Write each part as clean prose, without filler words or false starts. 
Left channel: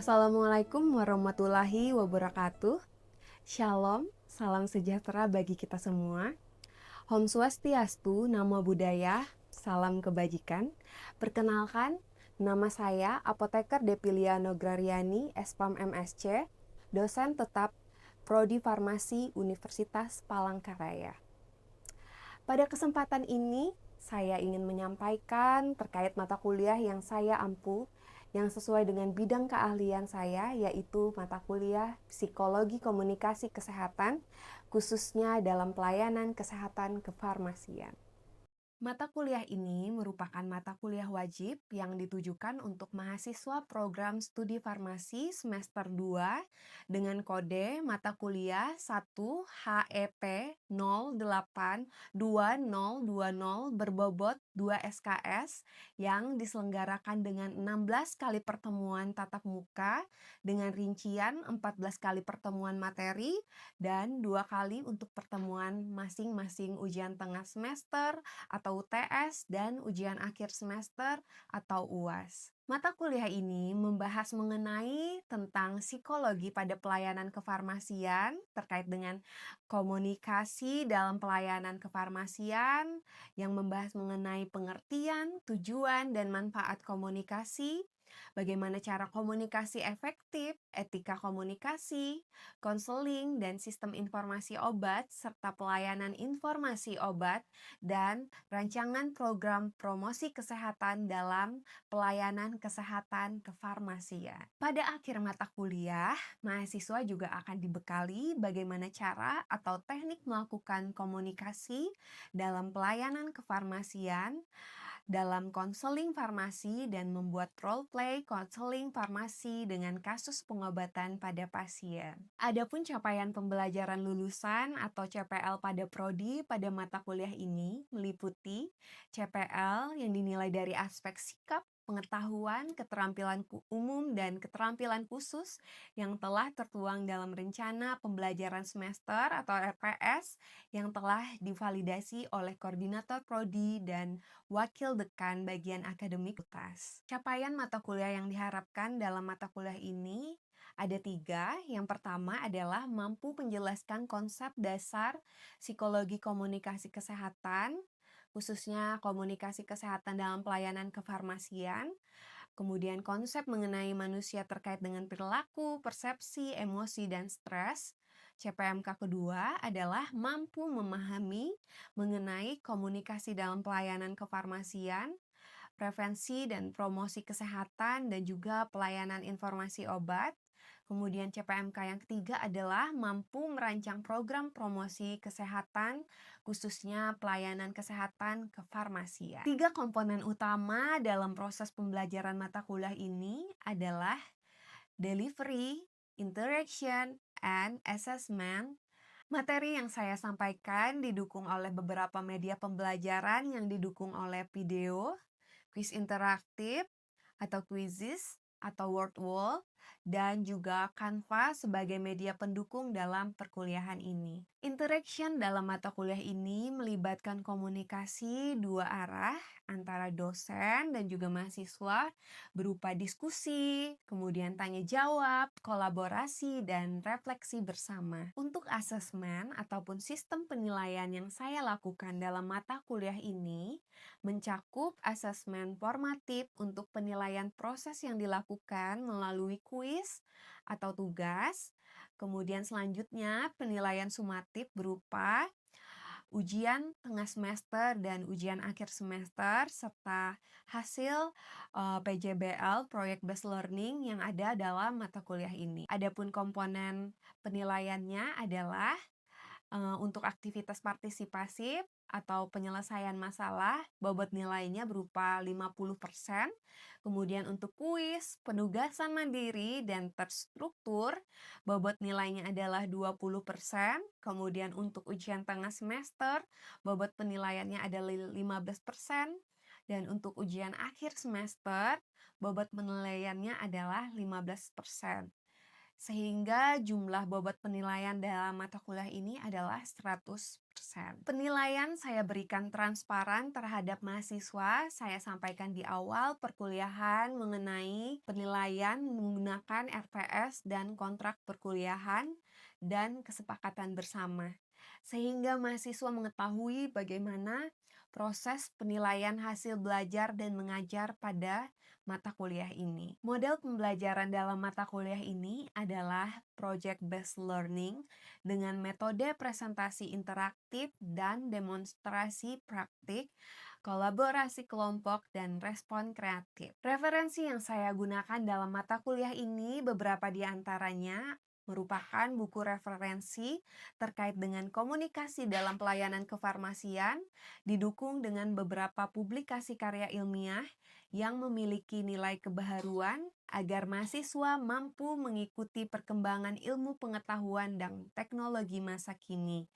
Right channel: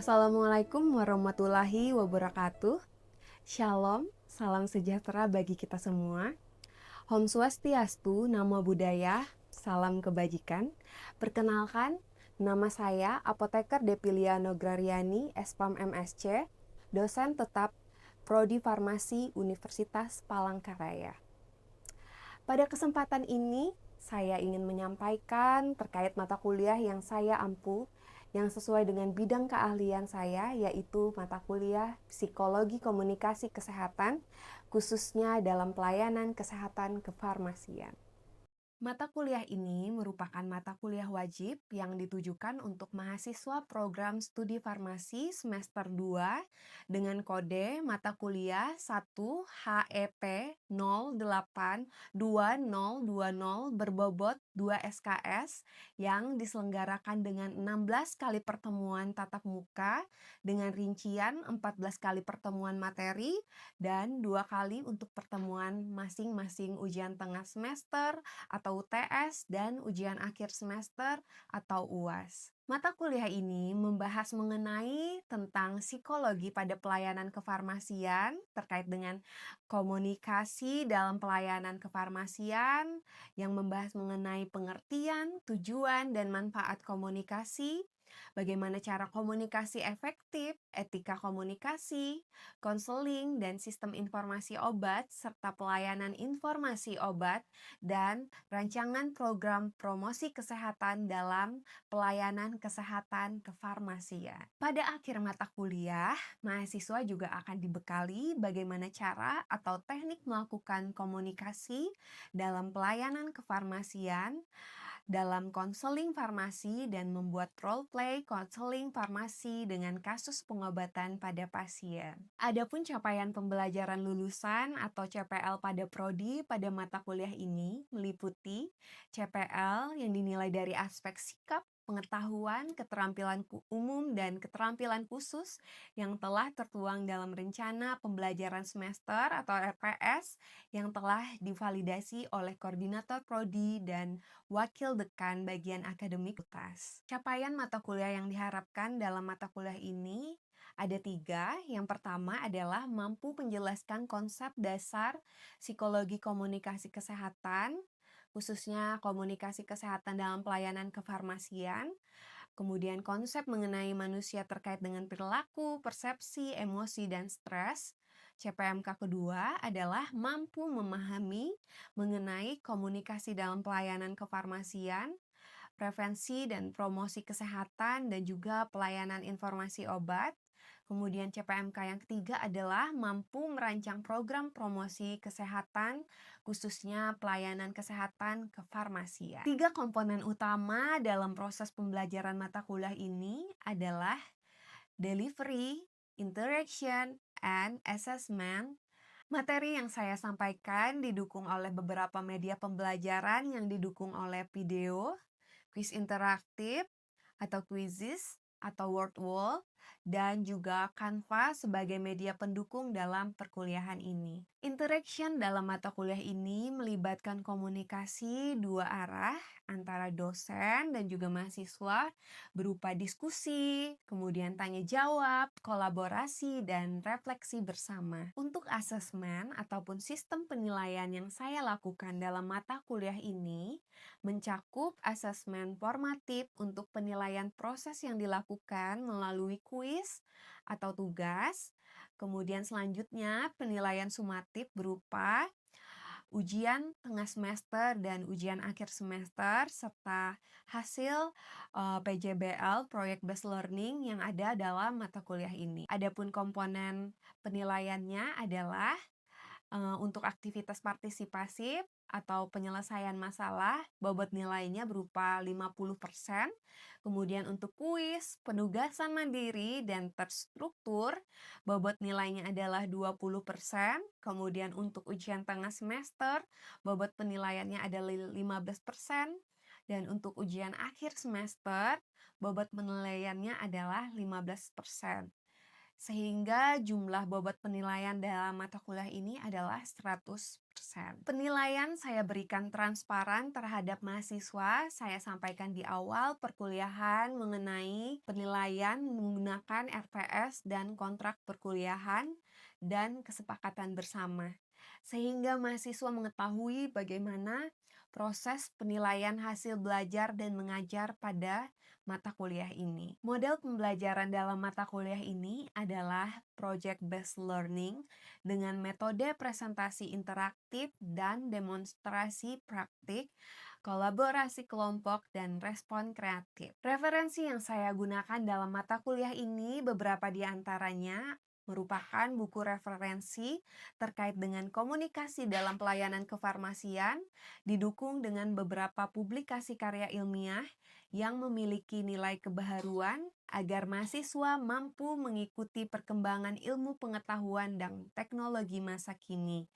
Wassalamualaikum warahmatullahi wabarakatuh. Shalom, salam sejahtera bagi kita semua. Om Swastiastu, Namo Buddhaya, salam kebajikan. Perkenalkan, nama saya Apoteker Depilia Nograriani, SPAM MSc, dosen tetap Prodi Farmasi Universitas Palangkaraya. Pada kesempatan ini, saya ingin menyampaikan terkait mata kuliah yang saya ampu yang sesuai dengan bidang keahlian saya, yaitu mata kuliah Psikologi Komunikasi Kesehatan, khususnya dalam pelayanan kesehatan kefarmasian. Mata kuliah ini merupakan mata kuliah wajib yang ditujukan untuk mahasiswa program studi farmasi semester 2 dengan kode mata kuliah 1 HEP 082020 berbobot 2 SKS yang diselenggarakan dengan 16 kali pertemuan tatap muka dengan rincian 14 kali pertemuan materi dan 2 kali untuk pertemuan masing-masing ujian tengah semester atau UTS dan ujian akhir semester atau UAS. Mata kuliah ini membahas mengenai tentang psikologi pada pelayanan kefarmasian terkait dengan komunikasi dalam pelayanan kefarmasian yang membahas mengenai pengertian, tujuan, dan manfaat komunikasi, bagaimana cara komunikasi efektif, etika komunikasi, konseling, dan sistem informasi obat, serta pelayanan informasi obat, dan rancangan program promosi kesehatan dalam pelayanan kesehatan kefarmasian. Pada akhir mata kuliah, mahasiswa juga akan dibekali bagaimana cara atau teknik melakukan komunikasi dalam pelayanan kefarmasian, dalam konseling farmasi, dan membuat role play konseling farmasi dengan kasus pengobatan pada pasien. Adapun capaian pembelajaran lulusan atau CPL pada prodi pada mata kuliah ini meliputi CPL yang dinilai dari aspek sikap, pengetahuan, keterampilan umum, dan keterampilan khusus yang telah tertuang dalam rencana pembelajaran semester atau RPS yang telah divalidasi oleh koordinator prodi dan wakil dekan bagian akademik UTAS. Capaian mata kuliah yang diharapkan dalam mata kuliah ini ada 3. Yang pertama adalah mampu menjelaskan konsep dasar psikologi komunikasi kesehatan, khususnya komunikasi kesehatan dalam pelayanan kefarmasian, kemudian konsep mengenai manusia terkait dengan perilaku, persepsi, emosi, dan stres. CPMK kedua adalah mampu memahami mengenai komunikasi dalam pelayanan kefarmasian, prevensi dan promosi kesehatan, dan juga pelayanan informasi obat. Kemudian CPMK yang ketiga adalah mampu merancang program promosi kesehatan, khususnya pelayanan kesehatan kefarmasian. 3 komponen utama dalam proses pembelajaran mata kuliah ini adalah delivery, interaction, and assessment. Materi yang saya sampaikan didukung oleh beberapa media pembelajaran yang didukung oleh video, kuis interaktif, atau quizzes, atau word wall, dan juga Canva sebagai media pendukung dalam perkuliahan ini. Interaction dalam mata kuliah ini melibatkan komunikasi dua arah antara dosen dan juga mahasiswa berupa diskusi, kemudian tanya jawab, kolaborasi, dan refleksi bersama. Untuk asesmen ataupun sistem penilaian yang saya lakukan dalam mata kuliah ini mencakup asesmen formatif untuk penilaian proses yang dilakukan melalui kuis atau tugas. Kemudian selanjutnya penilaian sumatif berupa ujian tengah semester dan ujian akhir semester serta hasil PJBL Project Based Learning yang ada dalam mata kuliah ini. Adapun komponen penilaiannya adalah untuk aktivitas partisipasif atau penyelesaian masalah, bobot nilainya berupa 50%. Kemudian untuk kuis, penugasan mandiri, dan terstruktur, bobot nilainya adalah 20%. Kemudian untuk ujian tengah semester, bobot penilaiannya adalah 15%. Dan untuk ujian akhir semester, bobot penilaiannya adalah 15%. sehingga jumlah bobot penilaian dalam mata kuliah ini adalah 100%. Penilaian saya berikan transparan terhadap mahasiswa. Saya sampaikan di awal perkuliahan mengenai penilaian menggunakan RPS dan kontrak perkuliahan dan kesepakatan bersama, sehingga mahasiswa mengetahui bagaimana proses penilaian hasil belajar dan mengajar pada mata kuliah ini. Model pembelajaran dalam mata kuliah ini adalah project based learning dengan metode presentasi interaktif dan demonstrasi praktik, kolaborasi kelompok, dan respon kreatif. Referensi yang saya gunakan dalam mata kuliah ini beberapa di antaranya merupakan buku referensi terkait dengan komunikasi dalam pelayanan kefarmasian, didukung dengan beberapa publikasi karya ilmiah yang memiliki nilai kebaharuan agar mahasiswa mampu mengikuti perkembangan ilmu pengetahuan dan teknologi masa kini.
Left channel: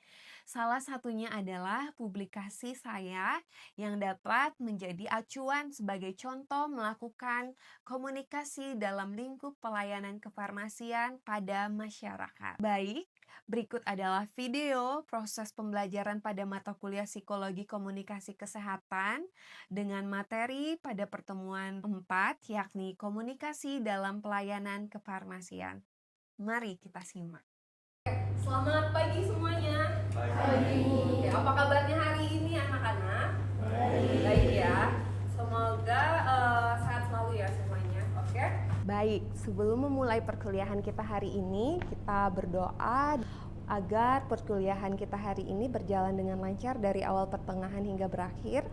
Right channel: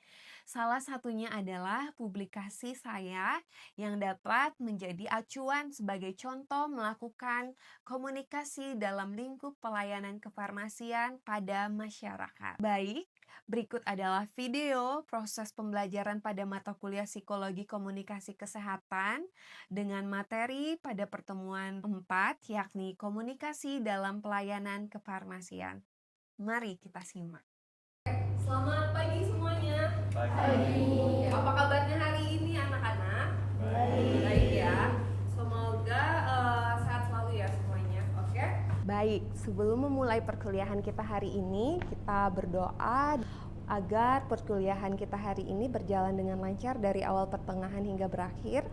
Salah satunya adalah publikasi saya yang dapat menjadi acuan sebagai contoh melakukan komunikasi dalam lingkup pelayanan kefarmasian pada masyarakat. Baik, berikut adalah video proses pembelajaran pada mata kuliah Psikologi Komunikasi Kesehatan dengan materi pada pertemuan 4, yakni komunikasi dalam pelayanan kefarmasian. Mari kita simak. Selamat pagi semuanya. Pagi. Oke, apa kabarnya hari ini anak-anak? Baik. Baik ya. Semoga sehat selalu ya semuanya. Oke? Baik, sebelum memulai perkuliahan kita hari ini, kita berdoa agar perkuliahan kita hari ini berjalan dengan lancar dari awal pertengahan hingga berakhir.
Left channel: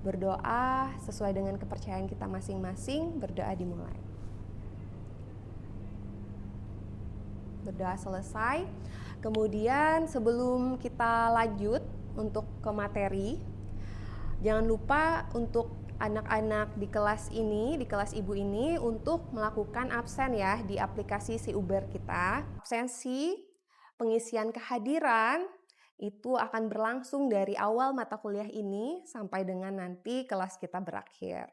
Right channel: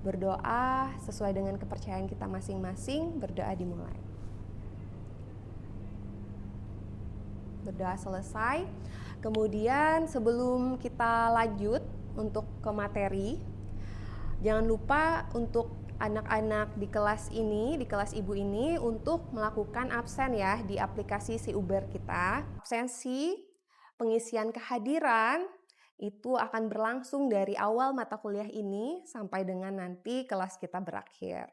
Berdoa sesuai dengan kepercayaan kita masing-masing. Berdoa dimulai. Berdoa selesai. Kemudian sebelum kita lanjut untuk ke materi, jangan lupa untuk anak-anak di kelas ini, di kelas ibu ini, untuk melakukan absen ya di aplikasi si Uber kita. Absensi, pengisian kehadiran, itu akan berlangsung dari awal mata kuliah ini sampai dengan nanti kelas kita berakhir.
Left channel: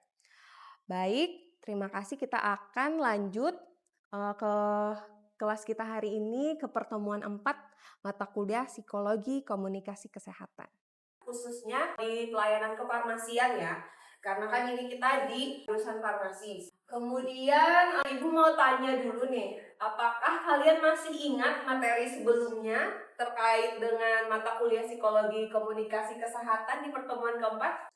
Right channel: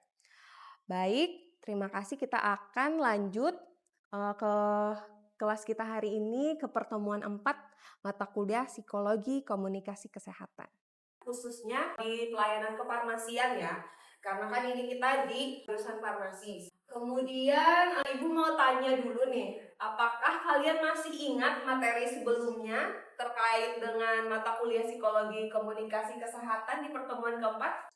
Baik, terima kasih. Kita akan lanjut ke kelas kita hari ini, ke pertemuan 4 mata kuliah Psikologi Komunikasi Kesehatan. Khususnya di pelayanan kefarmasian ya, karena kan ini kita di jurusan farmasi. Kemudian Ibu mau tanya dulu nih, apakah kalian masih ingat materi sebelumnya terkait dengan mata kuliah Psikologi Komunikasi Kesehatan di pertemuan keempat?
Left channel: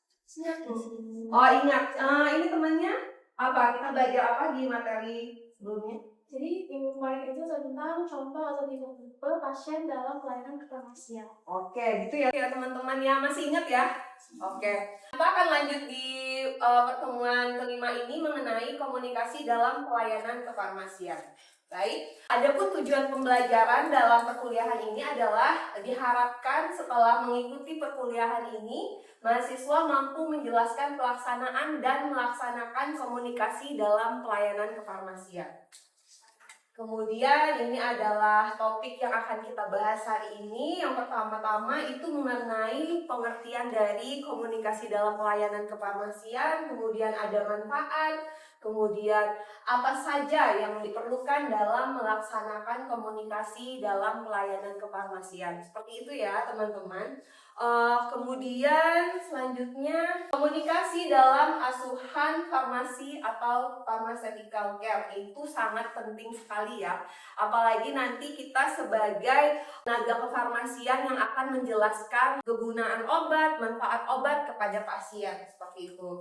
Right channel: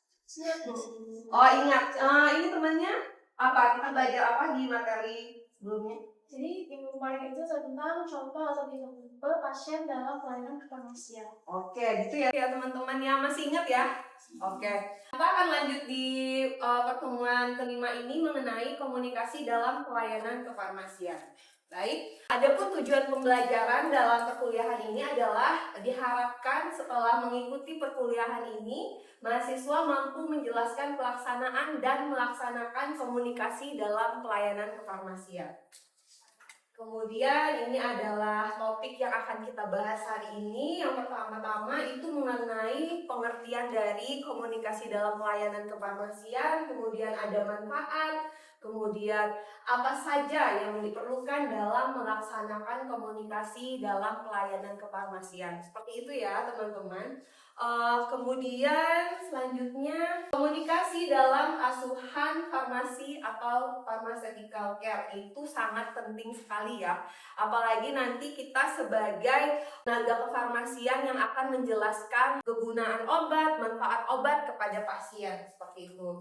Oh ingat, ini temannya apa? Kita belajar apa di materi sebelumnya? Jadi yang kemarin itu tentang contoh atau tipe pasien dalam pelayanan kefarmasian. Oke, gitu ya teman-teman yang masih ingat ya. Oke, kita akan lanjut di pertemuan kelima ini mengenai komunikasi dalam pelayanan kefarmasian. Baik, adapun tujuan pembelajaran dalam perkuliahan ini adalah diharapkan setelah mengikuti perkuliahan ini, mahasiswa mampu menjelaskan pelaksanaan dan melaksanakan komunikasi dalam pelayanan kefarmasian. Kemudian ini adalah topik yang akan kita bahas hari ini. Yang pertama-tama itu mengenai pengertian dari komunikasi dalam pelayanan kefarmasian, kemudian ada manfaat, kemudian apa saja yang diperlukan dalam melaksanakan komunikasi dalam pelayanan kefarmasian. Seperti itu ya teman-teman. Kemudian selanjutnya komunikasi dalam asuhan farmasi atau pharmaceutical care itu sangat penting sekali ya. Apalagi nanti kita sebagai tenaga kefarmasian yang akan menjelaskan kegunaan obat, manfaat obat kepada pasien seperti itu.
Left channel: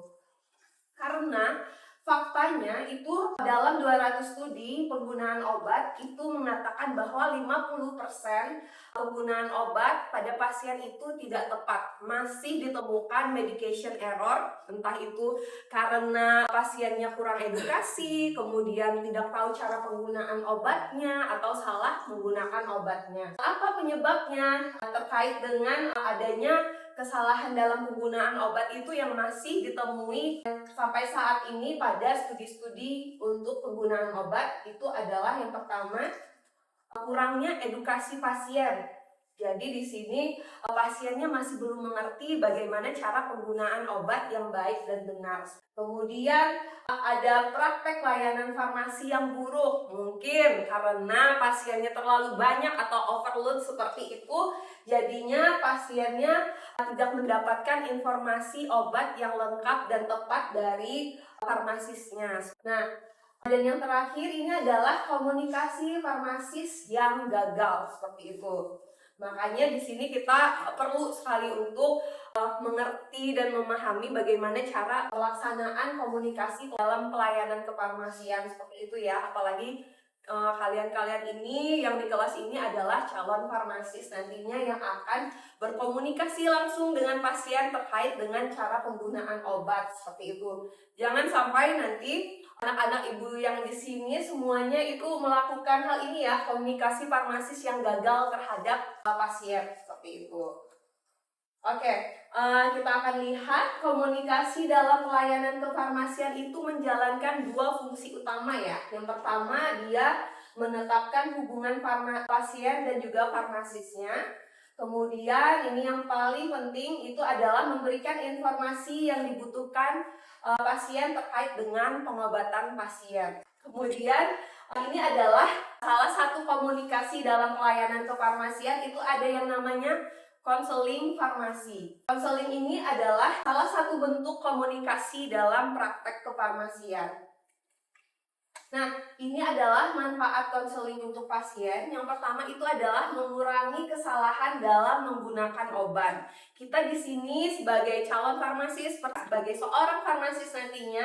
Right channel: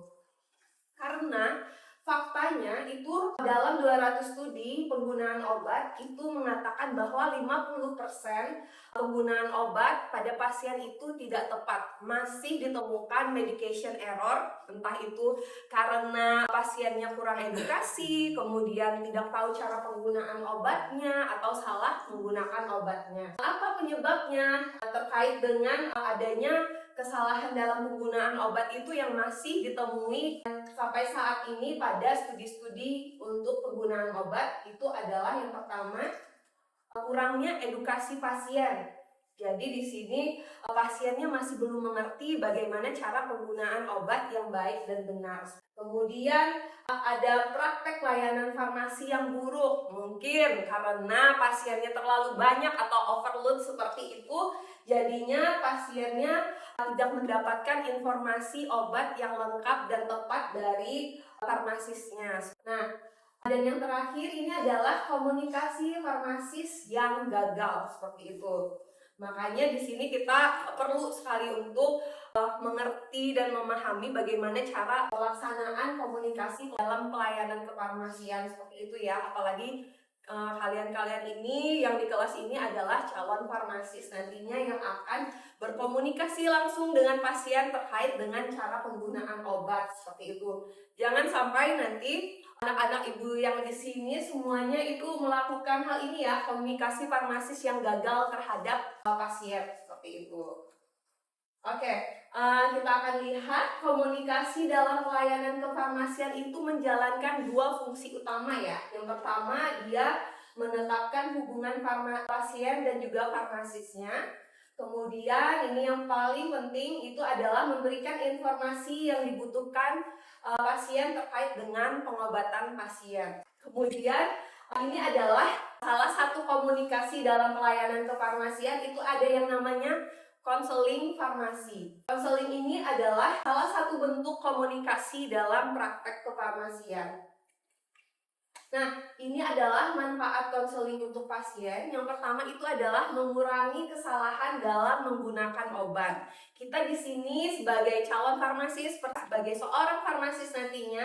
Karena faktanya itu dalam 200 studi penggunaan obat itu mengatakan bahwa 50% penggunaan obat pada pasien itu tidak tepat. Masih ditemukan medication error, entah itu karena pasiennya kurang edukasi, kemudian tidak tahu cara penggunaan obatnya, atau salah menggunakan obatnya. Apa penyebabnya? Terkait dengan adanya kesalahan dalam penggunaan obat itu yang masih ditemui sampai saat ini pada studi-studi untuk penggunaan obat itu adalah yang pertama, kurangnya edukasi pasien. Jadi di sini pasiennya masih belum mengerti bagaimana cara penggunaan obat yang baik dan benar. Kemudian ada praktek layanan farmasi yang buruk, mungkin karena pasiennya terlalu banyak atau overload seperti itu, jadinya pasiennya tidak mendapatkan informasi obat yang lengkap dan tepat dari farmasisnya. Nah, dan yang terakhir ini adalah komunikasi farmasis yang gagal seperti itu. Makanya di sini kita perlu sekali untuk mengerti dan memahami bagaimana cara pelaksanaan komunikasi dalam pelayanan kefarmasian seperti itu ya. Apalagi kalian-kalian ini yang di kelas ini adalah calon farmasis nantinya yang akan berkomunikasi langsung dengan pasien terkait dengan cara penggunaan obat seperti itu. Jangan sampai nanti anak-anak ibu yang di sini semuanya itu melakukan hal ini ya, komunikasi farmasis yang gagal terhadap pasien seperti itu. Oke, kita akan lihat komunikasi dalam pelayanan kefarmasian itu menjalankan dua fungsi utama ya. Yang pertama, dia menetapkan hubungan pasien dan juga farmasisnya. Kemudian ini yang paling penting itu adalah memberikan informasi yang dibutuhkan pasien terkait dengan pengobatan pasien. Kemudian ini adalah salah satu komunikasi dalam pelayanan kefarmasian, itu ada yang namanya konseling farmasi. Konseling ini adalah salah satu bentuk komunikasi dalam praktek kefarmasian. Nah, ini adalah manfaat konseling untuk pasien. Yang pertama itu adalah mengurangi kesalahan dalam menggunakan obat. Kita di sini sebagai calon farmasis, sebagai seorang farmasis nantinya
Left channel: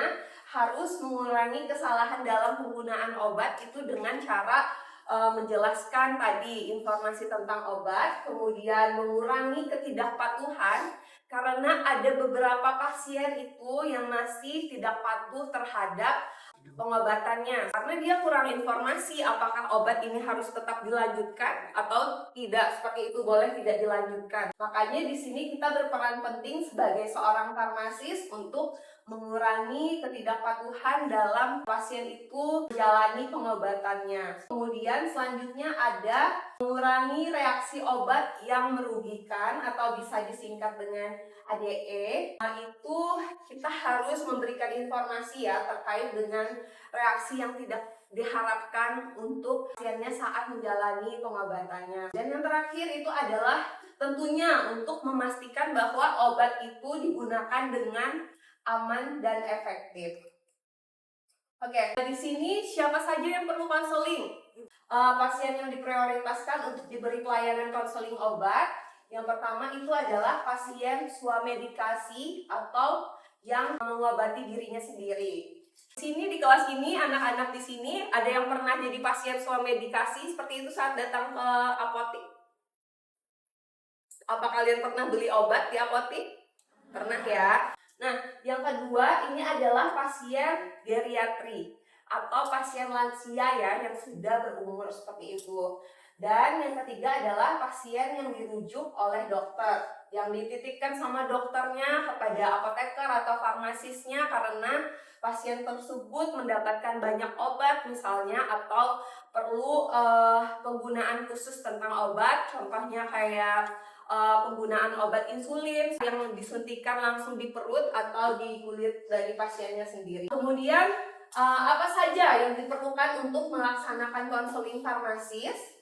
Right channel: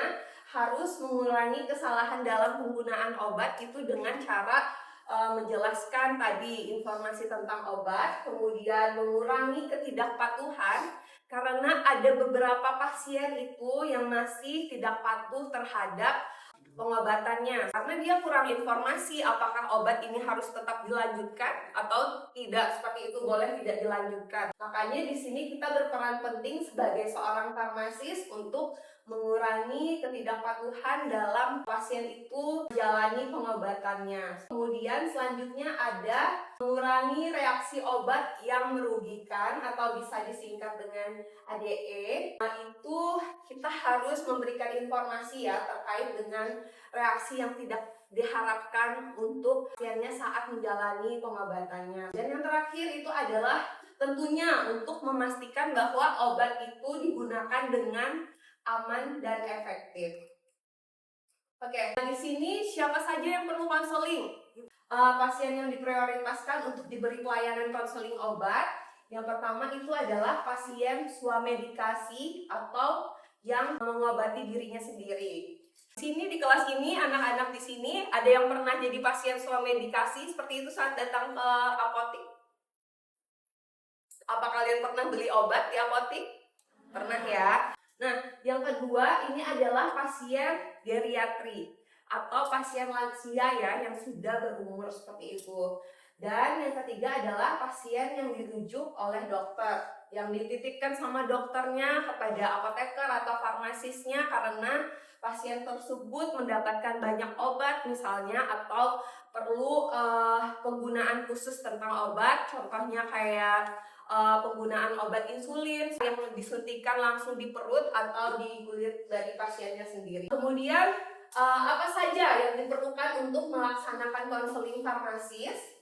harus mengurangi kesalahan dalam penggunaan obat itu dengan cara menjelaskan tadi informasi tentang obat, kemudian mengurangi ketidakpatuhan karena ada beberapa pasien itu yang masih tidak patuh terhadap pengobatannya karena dia kurang informasi apakah obat ini harus tetap dilanjutkan atau tidak, seperti itu, boleh tidak dilanjutkan. Makanya di sini kita berperan penting sebagai seorang farmasis untuk mengurangi ketidakpatuhan dalam pasien itu menjalani pengobatannya. Kemudian selanjutnya ada mengurangi reaksi obat yang merugikan atau bisa disingkat dengan ADE. Nah, itu kita harus memberikan informasi ya terkait dengan reaksi yang tidak diharapkan untuk pasiennya saat menjalani pengobatannya. Dan yang terakhir itu adalah tentunya untuk memastikan bahwa obat itu digunakan dengan aman dan efektif. Oke, di sini siapa saja yang perlu konseling? Pasien yang diprioritaskan untuk diberi pelayanan konseling obat. Yang pertama itu adalah pasien swamedikasi atau yang mengobati dirinya sendiri. Di sini di kelas ini anak-anak di sini ada yang pernah jadi pasien swamedikasi seperti itu saat datang ke apotik. Apa kalian pernah beli obat di apotik? Pernah ya. Nah, yang kedua ini adalah pasien geriatri atau pasien lansia ya yang sudah berumur seperti itu. Dan yang ketiga adalah pasien yang dirujuk oleh dokter, yang dititipkan sama dokternya kepada apoteker atau farmasisnya karena pasien tersebut mendapatkan banyak obat misalnya atau perlu penggunaan khusus tentang obat, contohnya kayak penggunaan obat insulin yang disuntikan langsung di perut atau di kulit dari pasiennya sendiri. Kemudian apa saja yang diperlukan untuk melaksanakan konseling farmasis?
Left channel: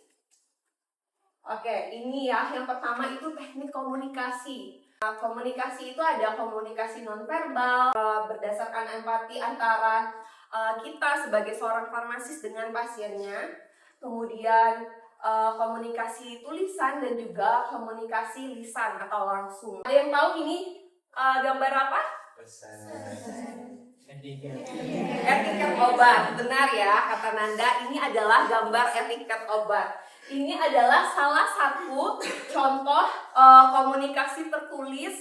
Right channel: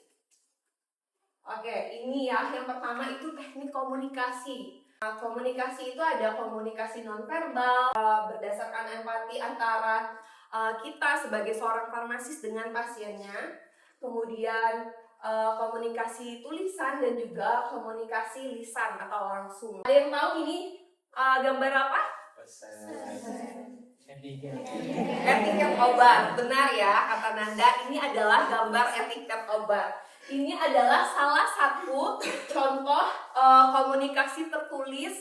Oke, ini ya, yang pertama itu teknik komunikasi. Komunikasi itu ada komunikasi nonverbal, berdasarkan empati antara kita sebagai seorang farmasis dengan pasiennya. Kemudian komunikasi tulisan dan juga komunikasi lisan atau langsung. Ada yang tahu ini gambar apa? Etiket obat. Benar ya kata Nanda, ini adalah gambar etiket obat. Ini adalah salah satu contoh komunikasi tertulis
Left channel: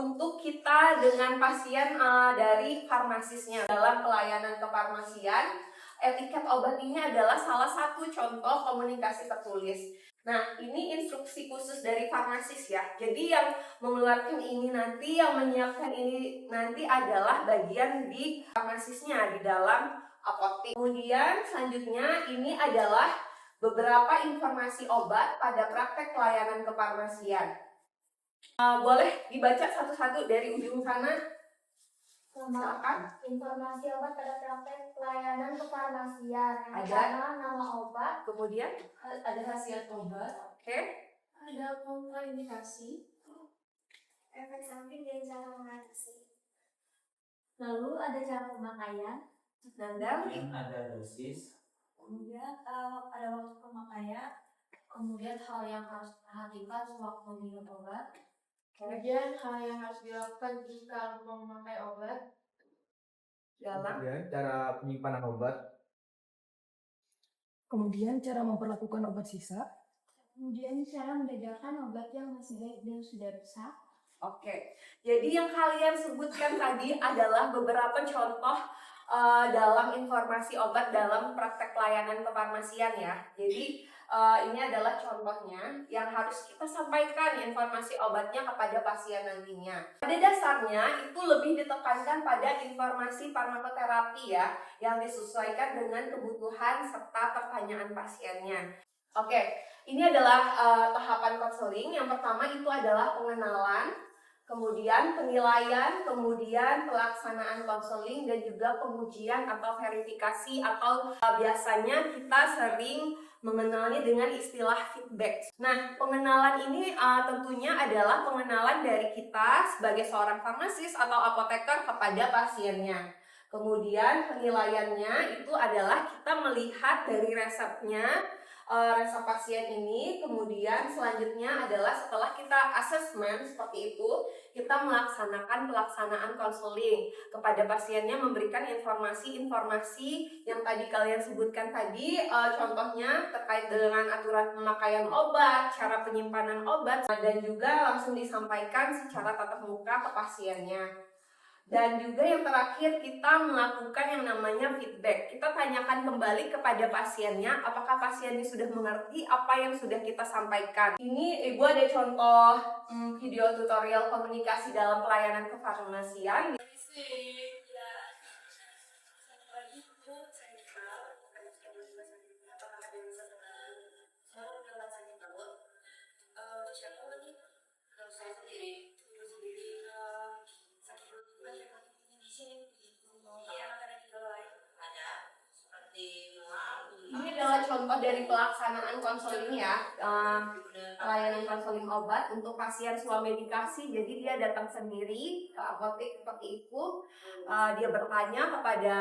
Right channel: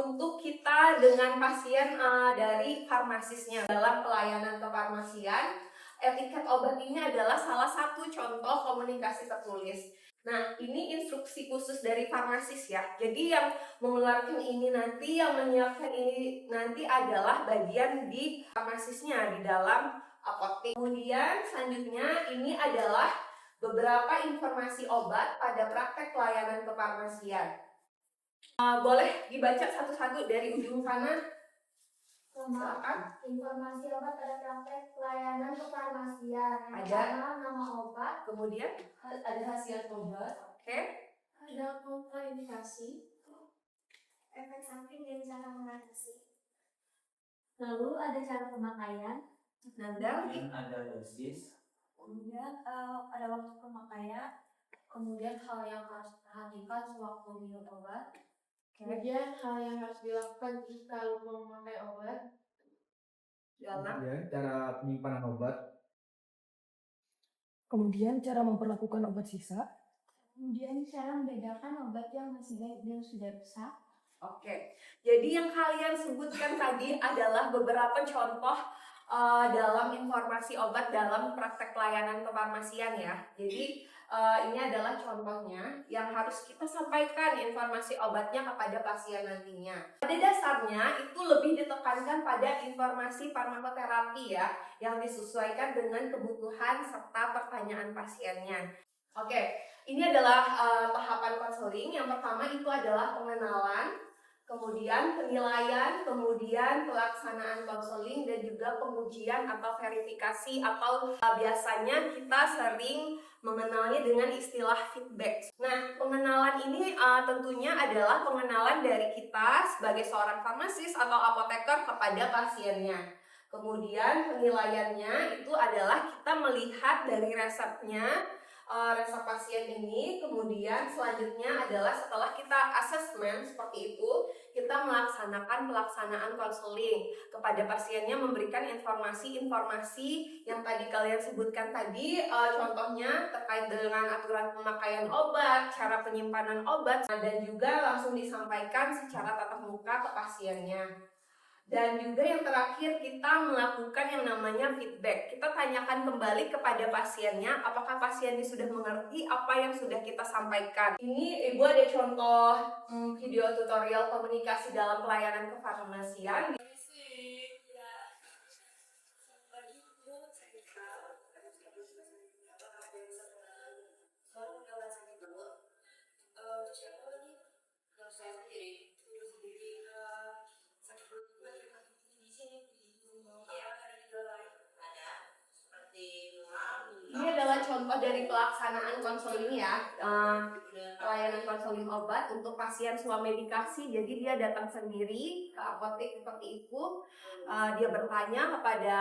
untuk kita dengan pasien dari farmasisnya dalam pelayanan kefarmasian. Etiket obat ini adalah salah satu contoh komunikasi tertulis. Nah, ini instruksi khusus dari farmasis ya. Jadi yang mengeluarkan ini nanti, yang menyiapkan ini nanti adalah bagian di farmasisnya di dalam apotek. Kemudian selanjutnya ini adalah beberapa informasi obat pada praktek pelayanan kefarmasian. Boleh dibaca satu-satu dari ujung sana. Silakan. Informasi obat pada praktek pelayanan kefarmasian. Yang Ada. pertama, nama obat. Kemudian Ada khasiat obat. oke. Ada kontraindikasi. Efek samping dan cara mengatasi. Lalu ada cara pemakaian. Nanda. Kemudian ada dosis. Kemudian ada waktu pemakaian. Kemudian hal yang harus diperhatikan sewaktu minum obat. Kemudian hal yang harus dilakukan jika memakai obat. Dalam Kemudian cara penyimpanan obat. Kemudian cara memperlakukan obat sisa. Kemudian cara membedakan obat yang masih baik dan sudah rusak. Oke, jadi yang kalian sebutkan tadi adalah beberapa contoh dalam informasi obat dalam praktek pelayanan kefarmasian ya. Jadi ini adalah contohnya yang harus kita sampaikan informasi obatnya kepada pasien nantinya. Pada dasarnya itu lebih ditekankan pada informasi farmakoterapi ya, yang disesuaikan dengan kebutuhan serta pertanyaan pasiennya. Oke, ini adalah tahapan konseling. Yang pertama itu adalah pengenalan, kemudian penilaian, kemudian pelaksanaan konseling, dan juga pengujian atau verifikasi, atau biasanya kita sering mengenalnya dengan istilah feedback. Nah, pengenalan ini tentunya adalah pengenalan dari kita sebagai seorang farmasis atau apoteker kepada pasiennya. Kemudian penilaiannya itu adalah kita melihat dari resepnya, resep pasien ini. Kemudian selanjutnya adalah setelah kita asesmen seperti itu, kita melaksanakan pelaksanaan konseling kepada pasiennya, memberikan informasi-informasi yang tadi kalian sebutkan tadi, contohnya terkait dengan aturan pemakaian obat, cara penyimpanan obat, dan juga langsung disampaikan secara tatap muka ke pasiennya. Dan juga yang terakhir, kita melakukan yang namanya feedback. Kita tanyakan kembali kepada pasiennya, apakah pasiennya sudah mengerti apa yang sudah kita sampaikan. Ini Ibu ada contoh video tutorial komunikasi dalam pelayanan kefarmasian. Ini adalah contoh dari pelaksanaan konseling ya, pelayanan konseling obat untuk pasien swamedikasi. Jadi dia datang sendiri ke apotek seperti itu, dia bertanya kepada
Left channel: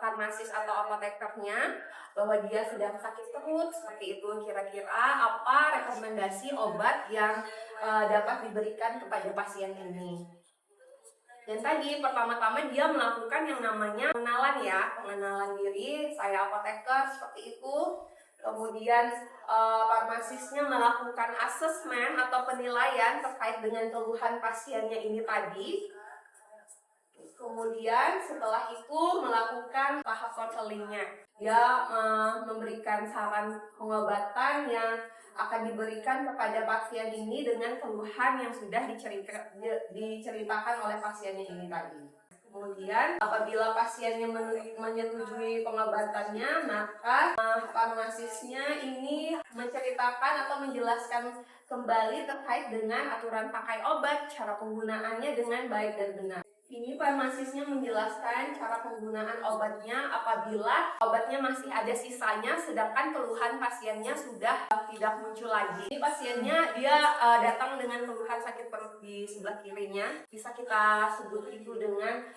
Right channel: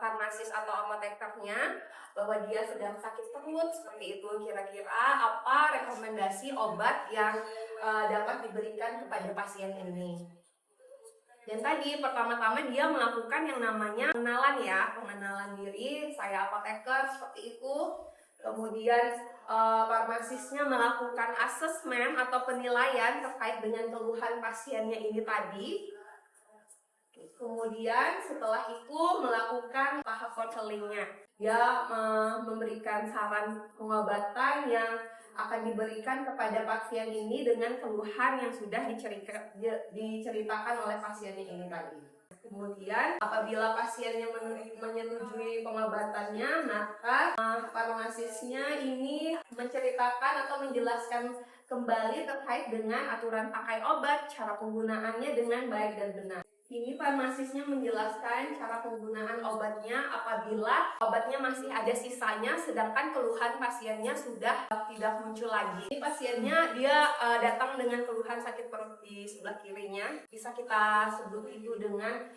farmasis atau apotekernya bahwa dia sedang sakit perut seperti itu, kira-kira apa rekomendasi obat yang dapat diberikan kepada pasien ini. Dan tadi pertama-tama dia melakukan yang namanya pengenalan ya, pengenalan diri, saya apoteker seperti itu. Kemudian farmasisnya melakukan asesmen atau penilaian terkait dengan keluhan pasiennya ini tadi. Kemudian setelah itu melakukan tahap konselingnya. Dia memberikan saran pengobatan yang akan diberikan kepada pasien ini dengan keluhan yang sudah diceritakan oleh pasiennya ini tadi. Kemudian apabila pasiennya menyetujui pengobatannya, maka farmasisnya ini menceritakan atau menjelaskan kembali terkait dengan aturan pakai obat, cara penggunaannya dengan baik dan benar. Ini farmasisnya menjelaskan cara penggunaan obatnya apabila obatnya masih ada sisanya, sedangkan keluhan pasiennya sudah tidak muncul lagi. Ini pasiennya dia datang dengan keluhan sakit perut di sebelah kirinya, bisa kita sebut itu dengan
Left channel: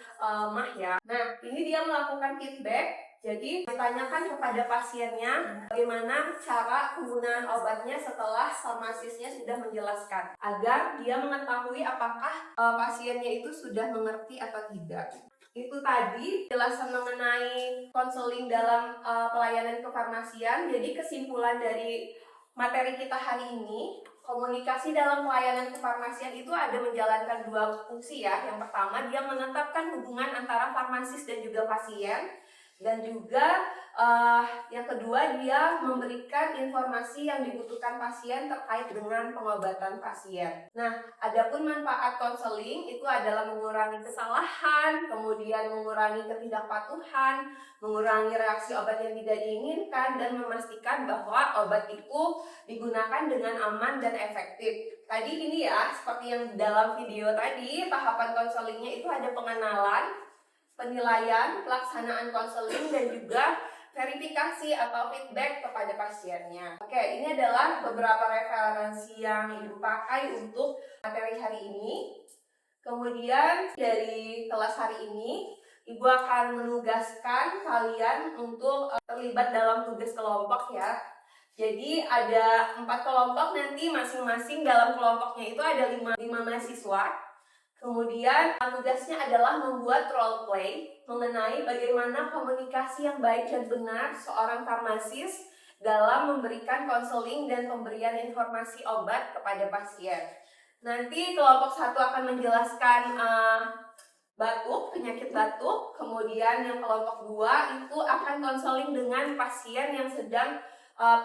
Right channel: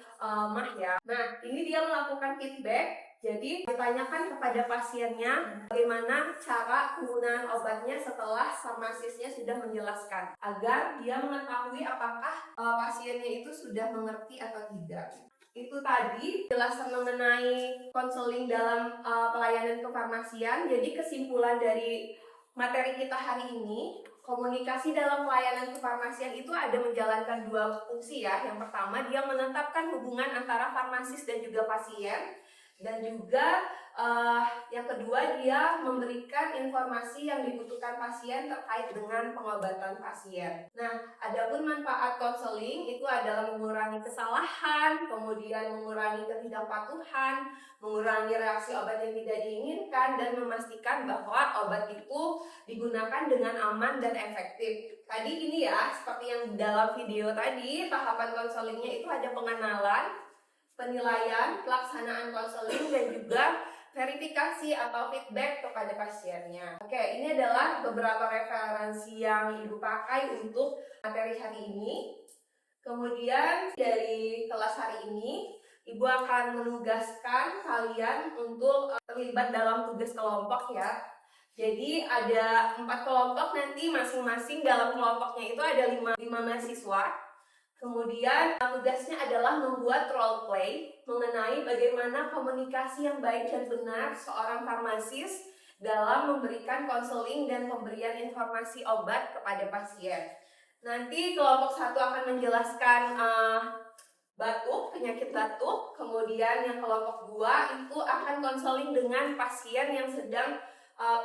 mah ya. Nah, ini dia melakukan feedback. Jadi ditanyakan kepada pasiennya bagaimana cara penggunaan obatnya setelah farmasisnya sudah menjelaskan, agar dia mengetahui apakah pasiennya itu sudah mengerti atau tidak. Itu tadi penjelasan mengenai konseling dalam pelayanan kefarmasian. Jadi kesimpulan dari materi kita hari ini, komunikasi dalam pelayanan kefarmasian itu ada menjalankan dua fungsi ya. Yang pertama, dia menetapkan hubungan antara farmasis dan juga pasien. Dan juga yang kedua, dia memberikan informasi yang dibutuhkan pasien terkait dengan pengobatan pasien. Nah, adapun manfaat konseling itu adalah mengurangi kesalahan, kemudian mengurangi ketidakpatuhan, mengurangi reaksi obat yang tidak diinginkan, dan memastikan bahwa obat itu digunakan dengan aman dan efektif. Tadi ini ya, seperti yang dalam video tadi, tahapan konselingnya itu ada pengenalan, penilaian, pelaksanaan konseling, dan juga verifikasi atau feedback kepada pasiennya. Oke, ini adalah beberapa referensi yang Ibu pakai untuk materi hari ini. Kemudian dari kelas hari ini, Ibu akan menugaskan kalian untuk terlibat dalam tugas kelompok ya. Jadi ada 4 kelompok, nanti masing-masing dalam kelompoknya itu ada 5 mahasiswa. Kemudian tugasnya adalah membuat role play mengenai bagaimana komunikasi yang baik dan benar seorang farmasis dalam memberikan konseling dan pemberian informasi obat kepada pasien. Nanti kelompok 1 akan menjelaskan batuk, penyakit batuk. Kemudian yang kelompok 2 itu akan konseling dengan pasien yang sedang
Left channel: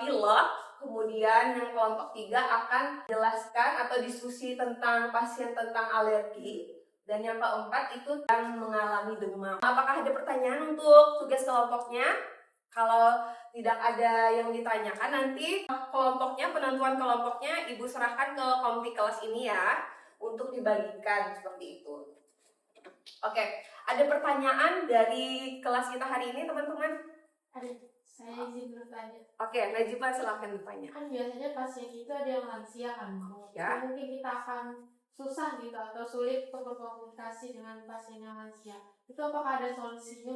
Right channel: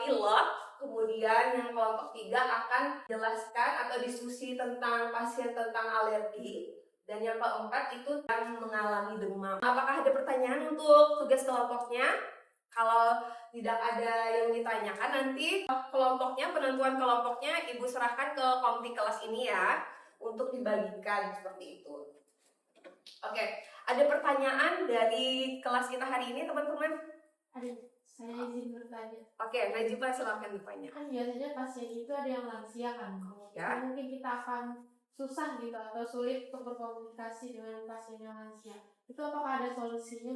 pilek. Kemudian yang kelompok 3 akan jelaskan atau diskusi tentang pasien tentang alergi. Dan yang keempat itu yang mengalami demam. Apakah ada pertanyaan untuk tugas kelompoknya? Kalau tidak ada yang ditanyakan, nanti kelompoknya, penentuan kelompoknya Ibu serahkan ke komite kelas ini ya, untuk dibagikan seperti itu. Oke, ada pertanyaan dari kelas kita hari ini teman-teman? Ada. Saya izin bertanya. Oke, Najibah silakan bertanya. Kan biasanya pasien itu ada yang lansia kan, Ya. mungkin kita akan susah gitu atau sulit untuk berkomunikasi dengan pasien yang lansia. Itu apakah ada solusinya?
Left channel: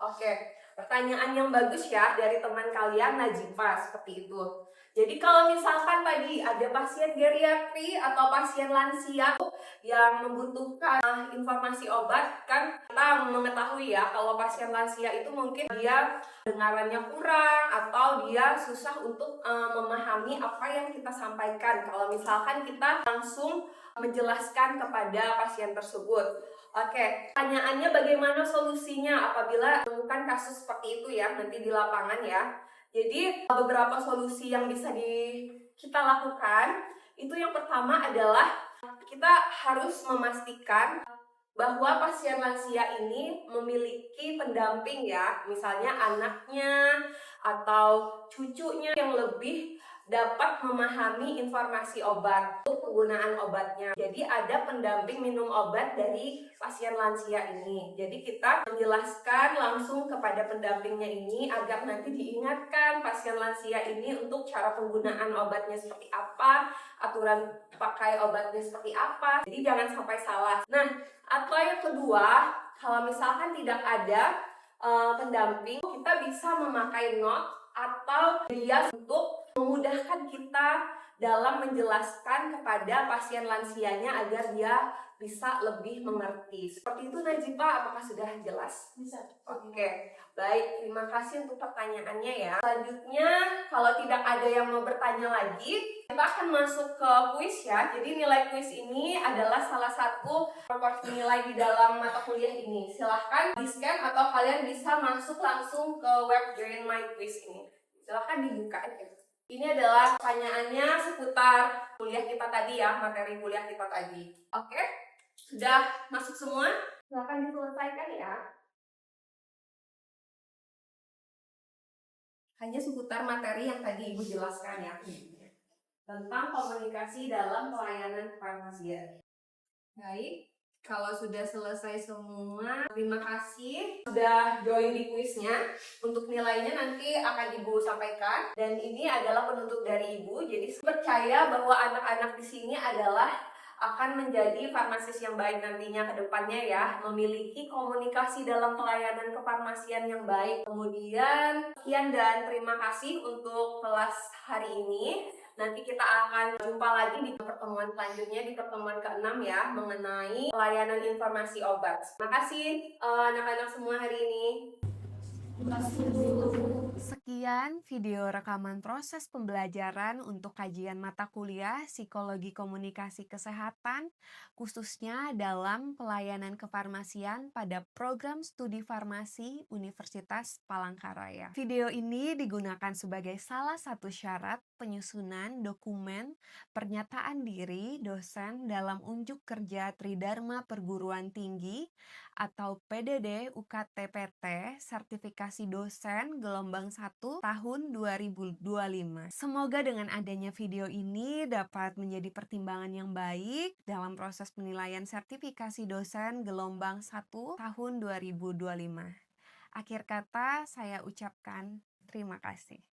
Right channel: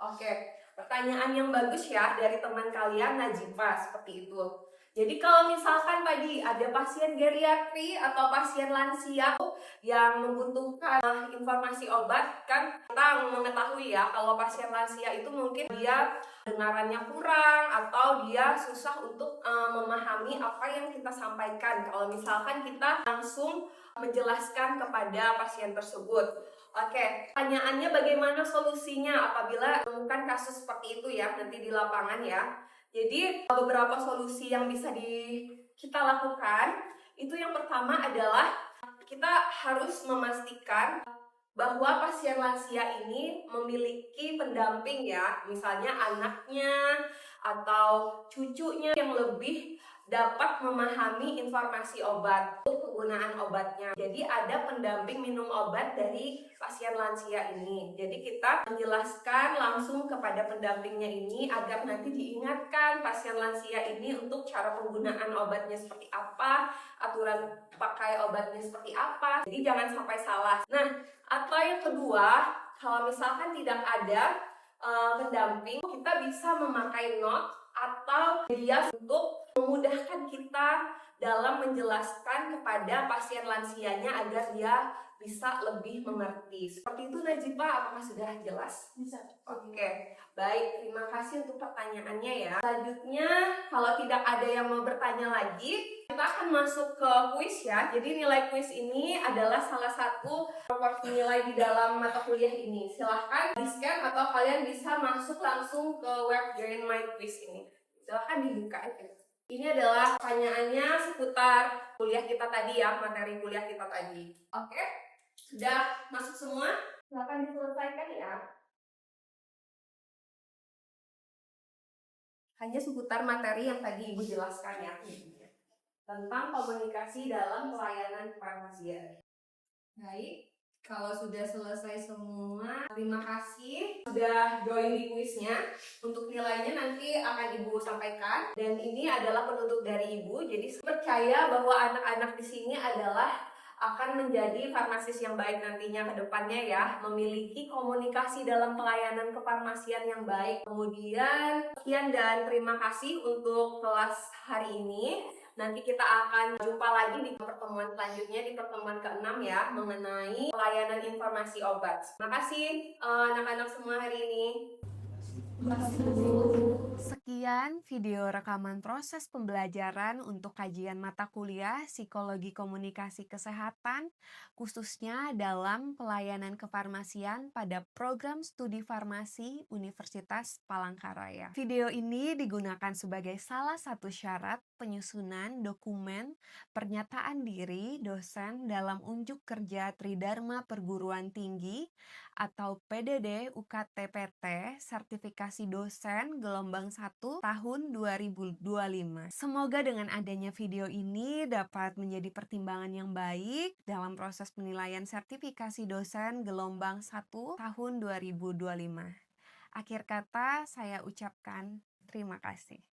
Oke, pertanyaan yang bagus ya dari teman kalian Najibah, seperti itu. Jadi kalau misalkan tadi ada pasien geriatri atau pasien lansia yang membutuhkan informasi obat, kan kita mengetahui ya kalau pasien lansia itu mungkin dia dengarannya kurang atau dia susah untuk memahami apa yang kita sampaikan kalau misalkan kita langsung menjelaskan kepada pasien tersebut. Oke, pertanyaannya bagaimana solusinya apabila menemukan kasus seperti itu ya nanti di lapangan ya. Jadi beberapa solusi yang bisa kita lakukan itu yang pertama adalah kita harus memastikan bahwa pasien lansia ini memiliki pendamping ya, misalnya anaknya atau cucunya yang lebih dapat memahami informasi obat untuk penggunaan obatnya. Jadi ada pendamping minum obat dari pasien lansia ini. Jadi kita menjelaskan langsung kepada pendampingnya ini agar nanti diingatkan pasien lansia ini untuk cara penggunaan obatnya seperti apa, aturan pakai obatnya seperti apa. Jadi jangan sampai salah. Nah, atau yang kedua, kalau misalkan tidak ada pendamping, kita bisa memakai note atau dia untuk memudahkan kita dalam menjelaskan kepada pasien lansianya agar dia bisa lebih mengerti. Seperti itu Najibah, apakah sudah jelas? Bisa. Oke, baik. Terima kasih untuk pertanyaannya ya. Selanjutnya, kalau tidak ada yang mau bertanya lagi, kita akan masuk ke kuis ya. Jadi nilai kuis ini adalah salah satu proporsi nilai di dalam mata kuliah ini. Silahkan di-scan atau kalian bisa masuk langsung ke web Join My Quiz ini. Silahkan dibuka aja. Ini adalah pertanyaannya seputar kuliah kita tadi ya, materi kuliah kita tadi. Oke, sudah masuk semua? Silahkan diselesaikan ya. Hanya seputar materi yang tadi Ibu jelaskan ya, tentang komunikasi dalam pelayanan kefarmasian. Baik, kalau sudah selesai semua, terima kasih sudah join di kuisnya. Untuk nilainya nanti akan Ibu sampaikan. Dan ini adalah penuntut dari Ibu. Jadi percaya bahwa anak-anak di sini adalah akan menjadi farmasis yang baik nantinya ke depannya ya. Memiliki komunikasi dalam pelayanan kefarmasian yang baik. Kemudian, sekian dan terima kasih untuk kelas hari ini. Nanti kita akan jumpa lagi di pertemuan selanjutnya, di pertemuan ke-6 ya, mengenai pelayanan informasi obat. Terima kasih anak-anak semua hari ini. Terima kasih. Sekian. Kemudian, video rekaman proses pembelajaran untuk kajian mata kuliah Psikologi Komunikasi Kesehatan, khususnya dalam pelayanan kefarmasian pada program studi farmasi Universitas Palangkaraya. Video ini digunakan sebagai salah satu syarat penyusunan dokumen pernyataan diri dosen dalam unjuk kerja Tridharma Perguruan Tinggi atau PDD UKT-PT Sertifikasi Dosen Gelombang 1 tahun 2025. Semoga dengan adanya video ini dapat menjadi pertimbangan yang baik dalam proses penilaian sertifikasi dosen Gelombang 1 tahun 2025. Akhir kata saya ucapkan terima kasih.